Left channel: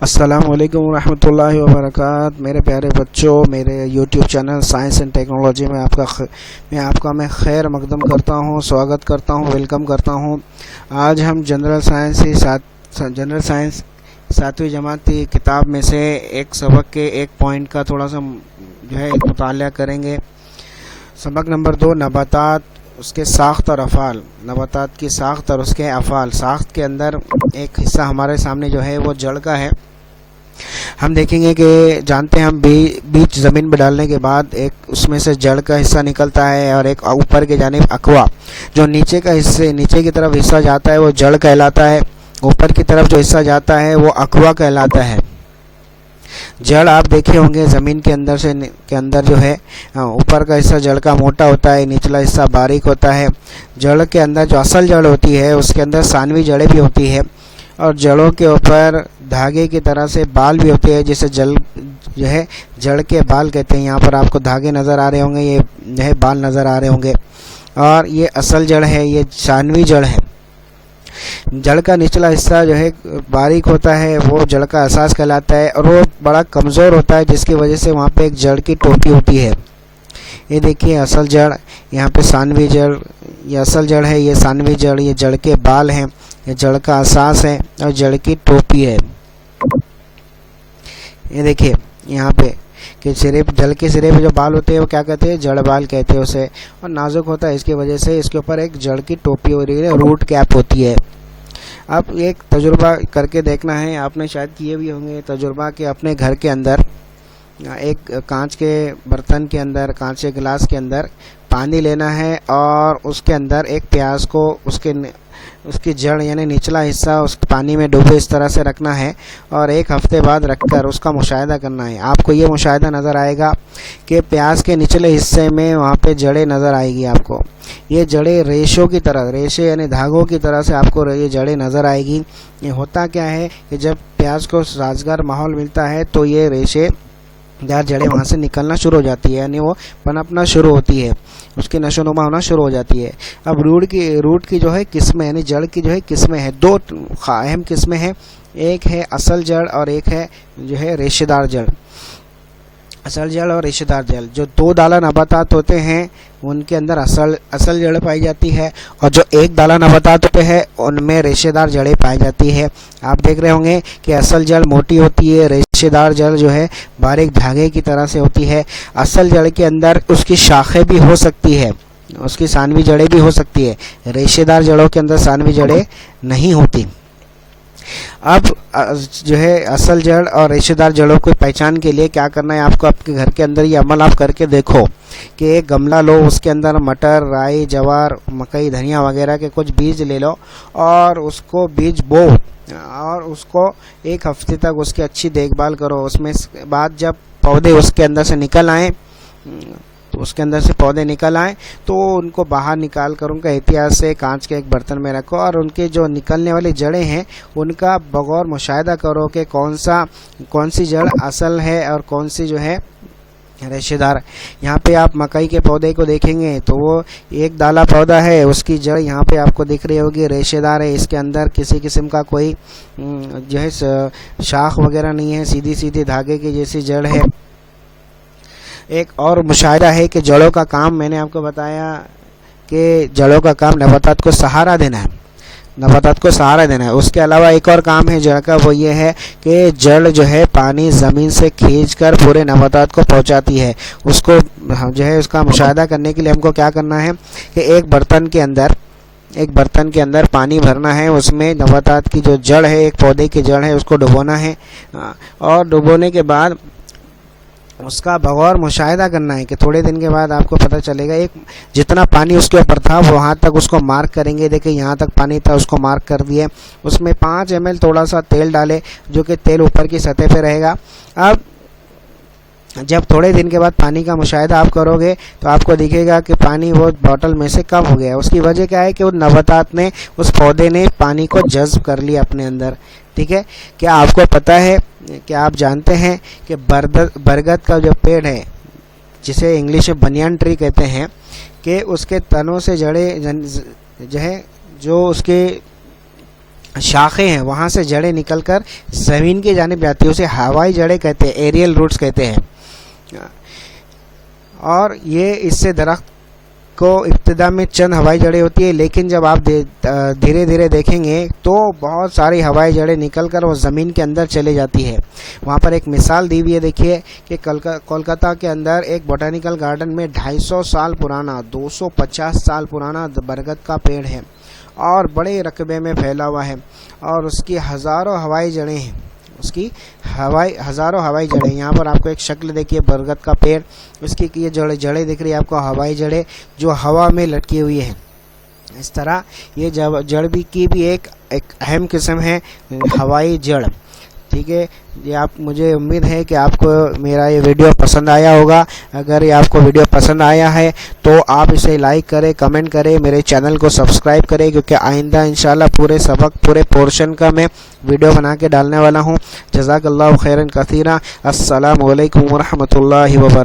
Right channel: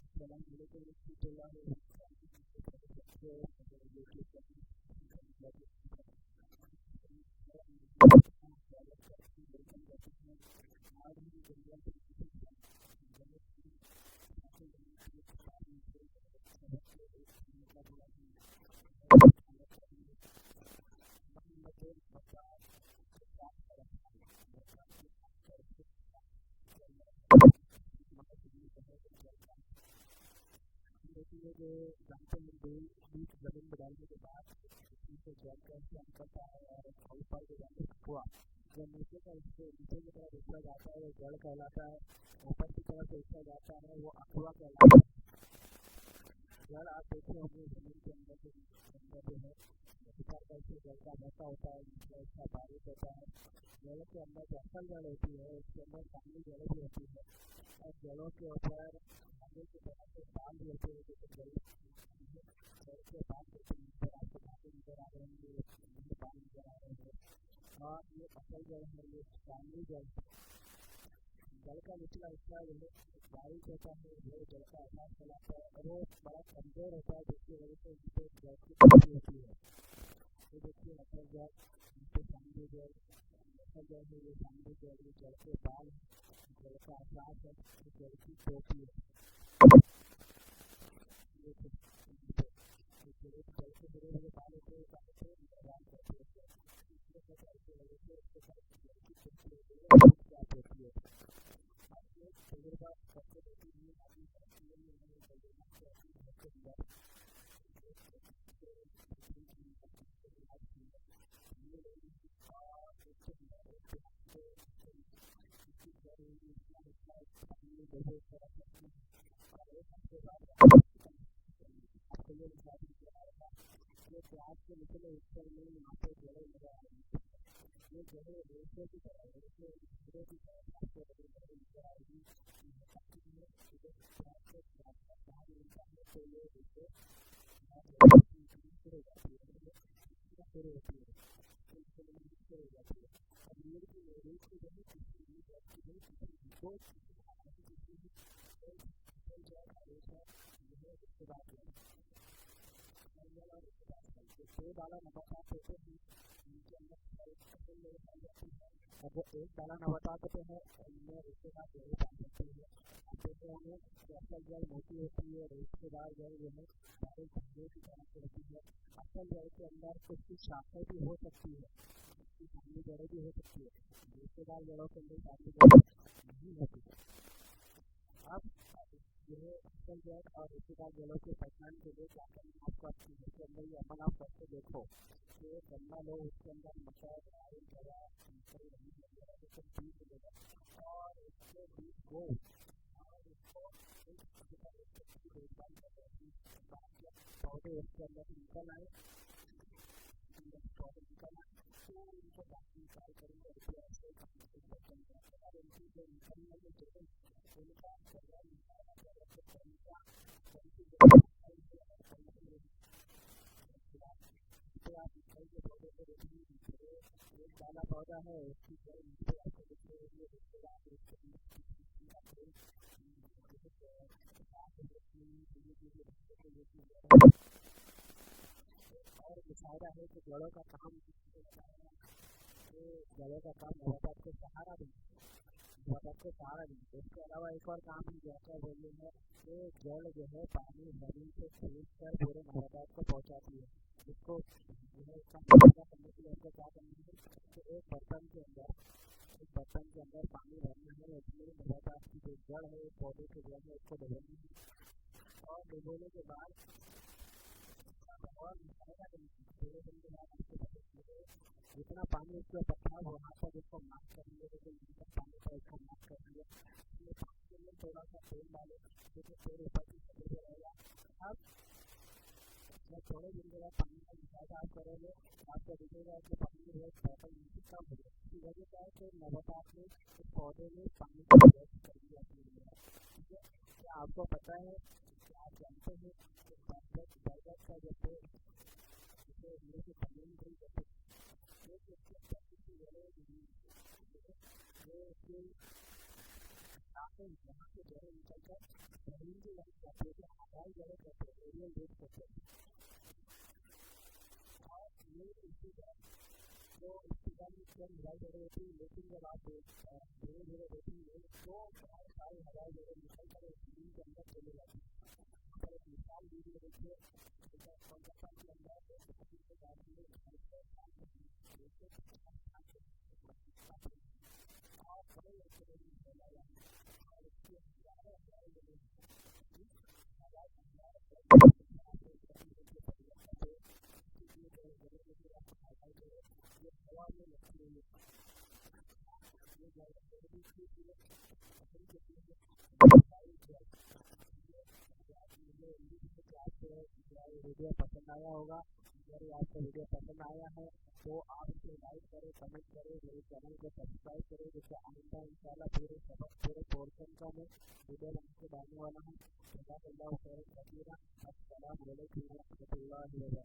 السلام علیکم ورحمۃ اللہ وبرکاتہ۔ میرے پیارے بچوں، میرے YouTube channel science and technology میں آپ کا خیر مقدم کرتا ہوں، سواگت کرتا ہوں، ویلکم کرتا ہوں۔ آج ہم جنرل سائنس 7ویں جماعت کی کتاب میں سے ایک سبق کے ایک پوائنٹ کا تھوڑا سا مطالعہ کریں گے۔ سبق نمبر 2، نباتات، اس کے ساخت اور افعال۔ نباتات کی ساخت اور اس کے افعال۔ ساخت کے اندر ایک حصہ ہمارے سامنے جو ہے وہ جڑ کا ہے۔ ہم دیکھیں گے کہ جانتے ہیں ہم بیج زمین میں ڈالنے کے بعد ایک اس میں سے جڑ کا حصہ نکلتا ہے اور ایک اوپر کے جانب اقوا، جو نیچے کی طرف حصہ جاتا ہے وہ جڑ کہلاتا ہے، اوپر کی طرف جو حصہ جاتا ہے وہ اقوا کہلاتا ہے۔ جڑ آپ دیکھے ہوں گے زمین کے اندر جو ہے اوپر کا حصہ جڑ کا موٹا ہوتا ہے، نچلا حصہ باریک ہوتا ہے۔ جڑ کے اندر جو اصل جڑ ہوتی ہے اس کے اندر ثانوی جڑیں بھی ہوتی ہے، اور جڑوں کے اوپر دھاگے کی طرح سے بال بھی ہوتے ہیں، جسے جڑ کے بال کہتے ہیں۔ یہاں پر آپ کو دھاگے نظر آ رہے ہوں گے، یہ جو ہے بال نظر آ رہے ہوں گے، اور یہ اصل جڑ ہے، یہ ثانوی جڑ ہے۔ جڑ کا نچلا حصہ جو ہے باریک ہوتا ہے، وہ جڑ کا اساس کہلاتا ہے، اور وہ بڑا کمزور ہوتا ہے، جس کی وجہ سے وہاں پہ ایک جڑ کی ٹوپی ہوتی ہے۔ یہ دیکھیے اصل جڑ، یہاں پہ ثانوی جڑ، یہ اصل جڑ ہے، یہ ثانوی جڑ، یہ جڑ کے بال ہیں، یہ جڑ کا اساس ہے اور جڑ کی ٹوپی ہے۔ یہ دیکھیے یہاں پہ کہ جڑ کے سرے پہ جو بال ہوتے ہیں وہ کیا کہتے ہیں؟ جڑ بال کہتے ہیں اسے، اور نازک ہوتا ہے، اس کی وجہ سے اس کے اوپر ایک جڑ کی ٹوپی ہو رہی ہے، روٹ کیپ ہوتی ہے۔ اب ایک تجربہ کر کے دیکھنا ہے، آپ نے شاید کیے بھی ہوں گے تجربہ، کہ اپنے گھر کے اندر ایک کانچ کے برتن کے اندر، کانچ کے گلاس کے اندر پانی لینا ہے، اور اس کے اندر ایک پیاز کو اس کی جڑ یعنی نچلا حصہ اس پانی میں ڈوبے اس طرح سے رکھنا ہے، اور ایک ہفتے بعد رکھ کر اس کا مشاہدہ کرنا ہے۔ آپ کو یہ مشاہدہ نظر آئے گا کہ پیاز کے نچلے حصے میں وہاں پہ جڑیں نظر آئے گی آپ کو۔ یہ جڑیں ریشوں کی طرح، ریشے یعنی دھاگوں کی طرح سے آپ کو یہ جڑیں نظر آئے گی۔ یہ ہوتا کیا ہے کہ جب پیاز کو سازگار ماحول ملتا ہے تو یہ ریشے دار جڑیں وہاں سے نکلنا شروع ہو جاتی ہے، یعنی وہ پنپنا شروع ہوتی ہے، اس کی نشو نما ہونا شروع ہو جاتی ہے۔ اب روٹ کی جو ہے قسمیں، یعنی جڑ کی جو ہے قسمیں ہیں، دو اہم قسمیں ہیں، ایک ہے اصل جڑ اور ایک ہے جو ہے ریشے دار جڑ۔ اصل جڑ اور ریشے دار جڑ، جو دو دالہ نباتات ہوتے ہیں ان کے اندر اصل جڑ پائی جاتی ہے، اور جو ایک دالہ نباتات ہوتے ہیں ان میں ریشے دار جڑیں پائی جاتی ہے۔ آپ دیکھ رہے ہوں گے کہ اصل جڑ موٹی ہوتی ہے، ریشے دار جڑ جو ہے باریک دھاگے کی طرح سے ہوتی ہے۔ اصل جڑ کے اندر اس کی شاخیں بھی ہو سکتی ہے، اس کی ثانوی جڑیں بھی ہو سکتی ہے، ریشے دار جڑوں کے اندر ثانوی جڑیں نہیں ہوتی۔ اب جو ہے اصل جڑ اور ریشے دار جڑوں کو پہچان کے لیے کیا کرنا ہے آپ کو؟ اپنے گھر کے اندر یہ عمل آپ کر کے دیکھو کہ ایک گملہ لو، اس کے اندر مٹر، رائی، جوار، مکئی، دھنیا وغیرہ کے کچھ بیج لے لو، اور اس کو بیج بو، اور اس کو ایک ہفتے تک اس کی اچھی دیکھ بھال کرو۔ اس میں بعد جب پودے اس کے اندر سے نکل آئیں تو ان کو باہر نکال کر ان کا احتیاط سے کانچ کے ایک برتن میں رکھو، اور ان کے جو نکلنے والی جڑیں ہیں ان کا بغور مشاہدہ کرو کہ کون سی جڑ اصل ہے اور کون سی جو ہے ریشے دار۔ یہاں پہ آپ مکئی کے پودے کو دیکھیں گے تو وہ ایک دالہ پودا ہے، اس کی جڑ یہاں پہ آپ کو دکھ رہی ہوگی، ریشے دار ہے، اس کے اندر کسی قسم کا کوئی جو ہے شاخ وغیرہ نہیں ہے، سیدھی دھاگے کی جیسی جڑ ہے۔ ایک اور مشاہدہ ہے کہ جڑوں کا کام، میں نے آپ کو بتایا کہ جڑوں کا کام نباتات کو سہارا دینا ہے، اس کے علاوہ ایک اور کام ہے جڑ کا، وہ یہ ہے کہ جڑ جو ہے پانی زمین سے کھینچ کر پورے نباتات کو پہنچاتی ہے۔ اس کو جو ہے اس کا مشاہدہ کرنے کے لیے ہم کو کیا کرنا ہے کہ ایک برتن کے اندر پانی بھرنا ہے، اس میں نباتات کی جو جڑ ہے، ایک پودے کی جڑ ہے، اس کو ڈبونا ہے، اور ڈبونے کے بعد اس کا بغور مشاہدہ کرنا ہے کہ تھوڑے دن کے بعد آپ کو پتہ چلے گا جتنا پانی اس کے اوپر تھا وہاں تک اس کو مارک کریں گے۔ دیکھیں یہاں تک پانی تھا، اس کو مارک کر دیے، اس میں 5 ml تھوڑا سا تیل ڈالے، جو کہ تیل اوپر کی سطح پہ رہے گا۔ اب جب تھوڑے دن کے بعد پانی کا مشاہدہ آپ کرو گے تو آپ کو دکھے گا کہ پانی وہ بوتل میں سے کم ہو گیا۔ اس کی وجہ کیا ہے کہ وہ نباتات نے، اس پودے نے پانی کو جذب کر لیا اپنے اندر، ٹھیک ہے۔ کیا آپ کو پتہ ہے کہ آپ جانتے ہیں کہ برگد کا جو پیڑ ہے، جسے انگلش میں بنیان ٹری کہتے ہیں، کہ اس کے تنوں سے جڑیں جو ہے، جو اس کے شاخیں ہیں وہاں سے جڑیں نکل کر زمین کی جانب جاتی ہے، اسے ہوائی جڑیں کہتے ہیں، ایریل روٹس کہتے ہیں. اور یہ اس سے درخت کو ابتدا میں چند ہوائی جڑیں ہوتی ہے، لیکن جب آپ دھیرے دھیرے دیکھیں گے تو بہت ساری ہوائی جڑیں نکل کر وہ زمین کے اندر چلے جاتی ہے. وہاں پر ایک مثال دی ہوئی ہے، دیکھیے کہ کولکاتہ کے اندر ایک بوٹینیکل گارڈن میں 250 سال پرانا 250 سال پرانا برگد کا پیڑ ہے اور بڑے رقبے میں پھیلا ہوا ہے، اور اس کی ہزاروں ہوائی جڑیں ہیں، اس کی ہزاروں ہوائی جڑیں. یہاں پر آپ کو ایک شکل دیکھیے برگد کا پیڑ، اس کی یہ جڑیں دکھ رہی ہے آپ کو، ہوائی جڑیں جو ہوا میں لٹکی ہوئی ہیں. اس طرح یہ جڑ کی بھی ایک اہم قسم ہے ہوائی جڑ. ٹھیک ہے، یہ مجھے امید ہے کہ آپ کو میرا یہ ویڈیو پسند آیا ہوگا. اگر یہ آپ کو ویڈیو پسند آیا ہے تو آپ اسے لائک کریں، کمنٹ کریں، میرے چینل کو سبسکرائب کریں، کیونکہ آئندہ انشاءاللہ پورے سبق پورے پورشن کا میں ویڈیو بنا کے ڈالنے والا ہوں. جزاک اللہ خیرا کثیرا. السلام علیکم ورحمۃ اللہ وبرکاتہ.